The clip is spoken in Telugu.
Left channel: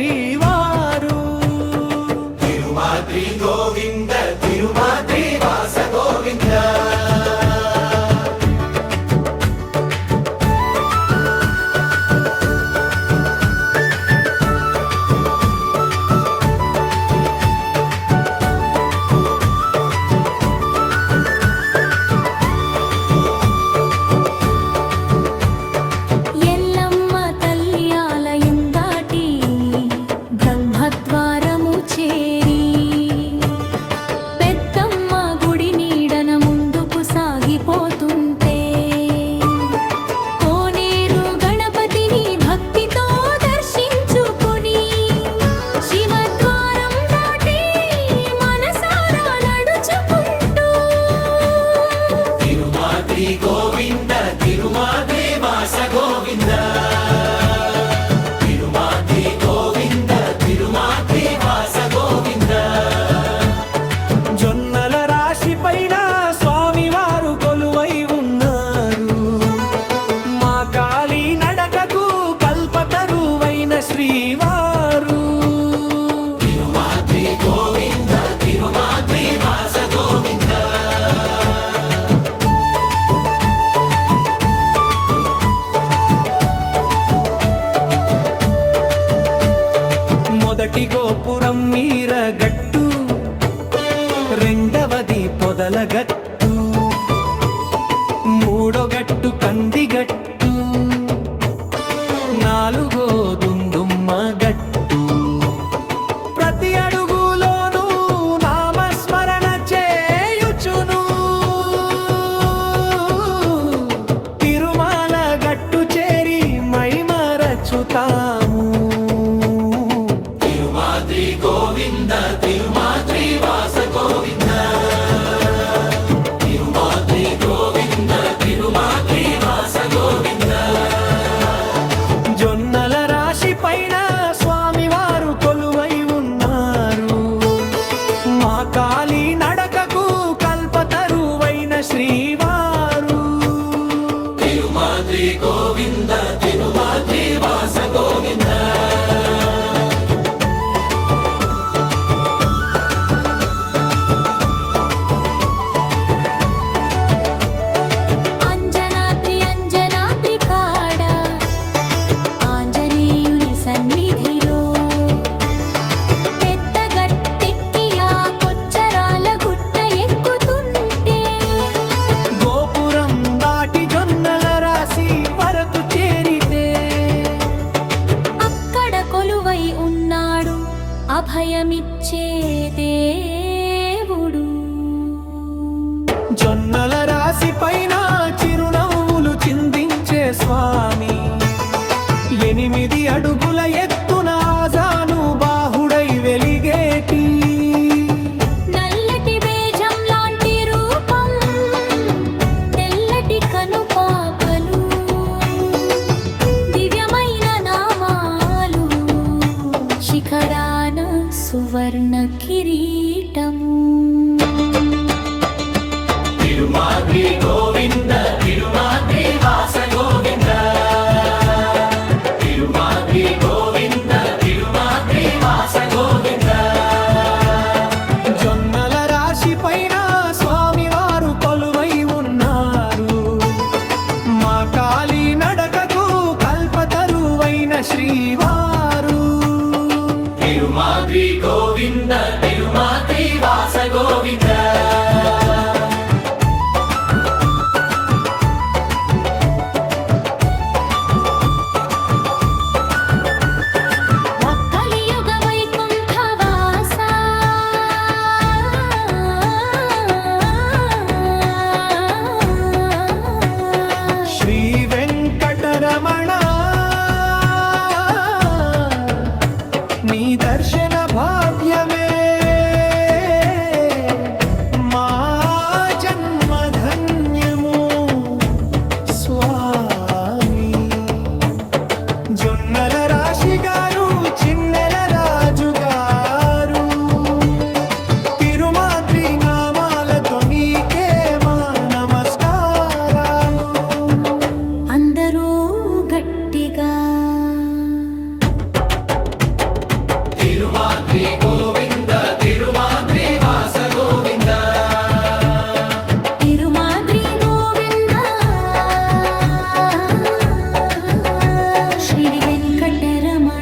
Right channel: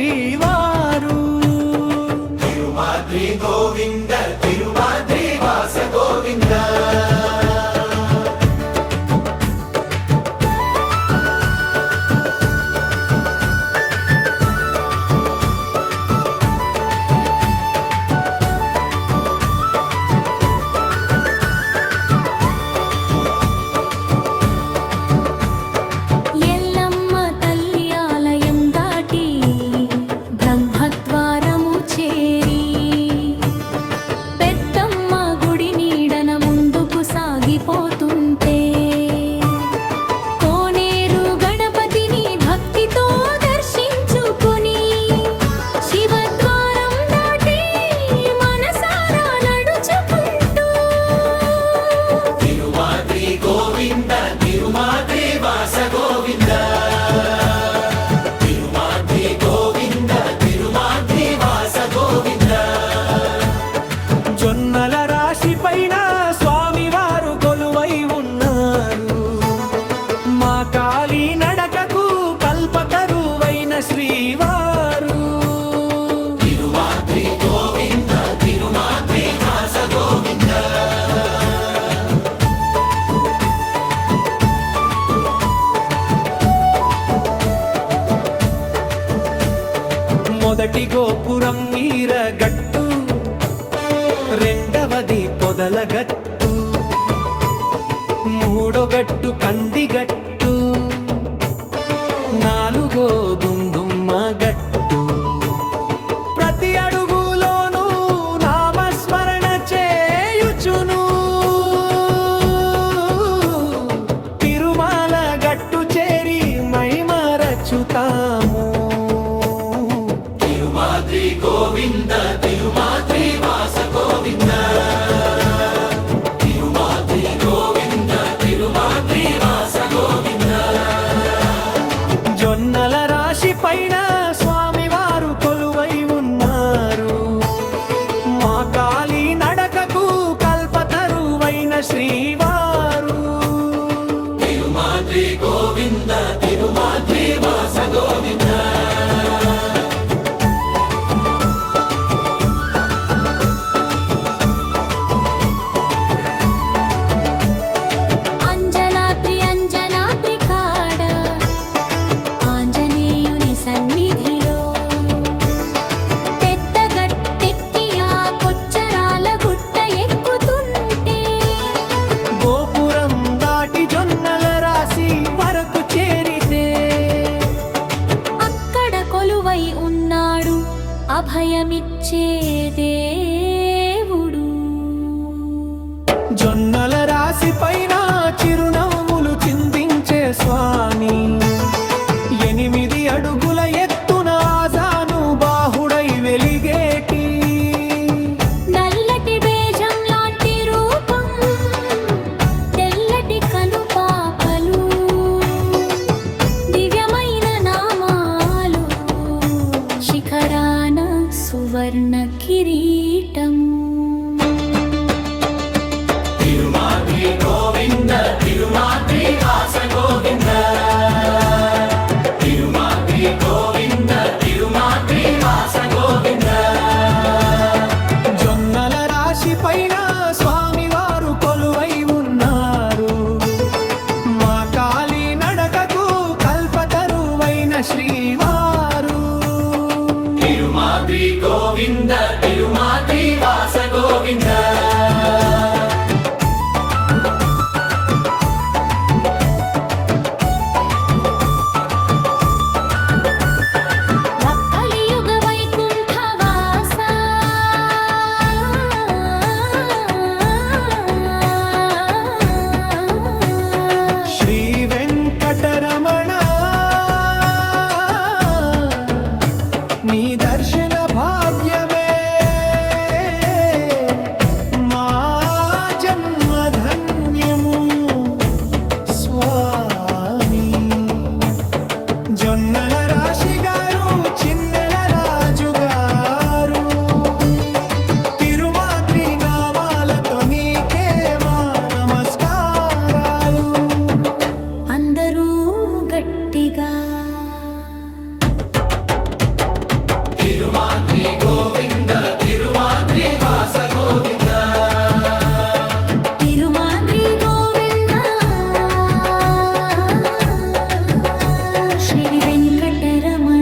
శ్రీవారు. తిరుమాద్రి గోవింద తిరుమాద్రి వాస గోవింద. బ్రహ్మద్వారము చేరి పెద్దమ్మ గుడి నీడన ముందుకు సాగిపోతుంటే కోనేరు గణపతిని భక్తితో దర్శించుకుని శివద్వారం దాటి మనసారా నడుచుకుంటూ తిరుమాద్రి గోవింద తిరుమాద్రి వాస గోవింద. జొన్నల రాశి పైన స్వామివారు కొలువై ఉన్నారు. మా కాలి నడకకు కల్పతరువైన శ్రీవారు. తిరుమాద్రి గోవింద తిరుమాద్రి వాస గోవింద. మొదటి గోపురం మీరగట్టు, రెండవది పొదలగట్టు, మూడో గట్టు కందిగట్టు, నాలుగో దుందుమ్మ గట్టు. ప్రతి అడుగులోనూ నామస్మరణ చేయుచును తిరుమల గట్టు చేరి మైమరచుతాము. తిరుమాద్రి గోవింద తిరుమాద్రి వాస గోవింద. తిరుమాద్రి గోవింద తిరుమాద్రి వాస గోవింద. జొన్నల రాశి పైన స్వామివారు కొలువై ఉన్నారు. మా కాలి నడకకు కల్పతరువైన శ్రీవారు. తిరుమాద్రి గోవింద తిరుమాద్రి వాస గోవింద. సన్నిధిలో పెద్ద గట్టెక్కి ఆ కొచ్చరాల గుట్ట ఎక్కుతుంటే గోపురం దాటి జొన్నల రాశి వరకు చేరితే అక్కడ కొలువై ఉన్నాడు అభయమిచ్చే దేవుడు. జొన్నల రాశి పైన చిరునవ్వులు చిందించే స్వామి. 8 అడుగుల ఎత్తున ఆజాను బాహుడై వెలిగేటి నల్లటి బేజం లాంటి రూపం, తెల్లటి కనుపాపలు, దివ్యమైన నామాలు, శిఖరాన సువర్ణ కిరీటము. తిరుమాద్రి గోవింద తిరుమాద్రి వాస గోవింద. తిరుమాద్రి గోవింద తిరుమాద్రి వాస గోవింద. జొన్నల రాశి పైన స్వామివారు కొలువై ఉన్నారు. మా కాలి నడకకు కల్పతరువైన శ్రీవారు. తిరుమాద్రి గోవింద తిరుమాద్రి వాస గోవింద. శ్రీ వెంకటరమణ నీ దర్శన భావ్యమే మా జన్మధన్యము స్వామి. జొన్నల రాశి గారు చిన్నెల రాజు గారు తిరుమాద్రి నామాలతో నీకే మా నమస్కారాలు. అందరూ గట్టిగా శరమణి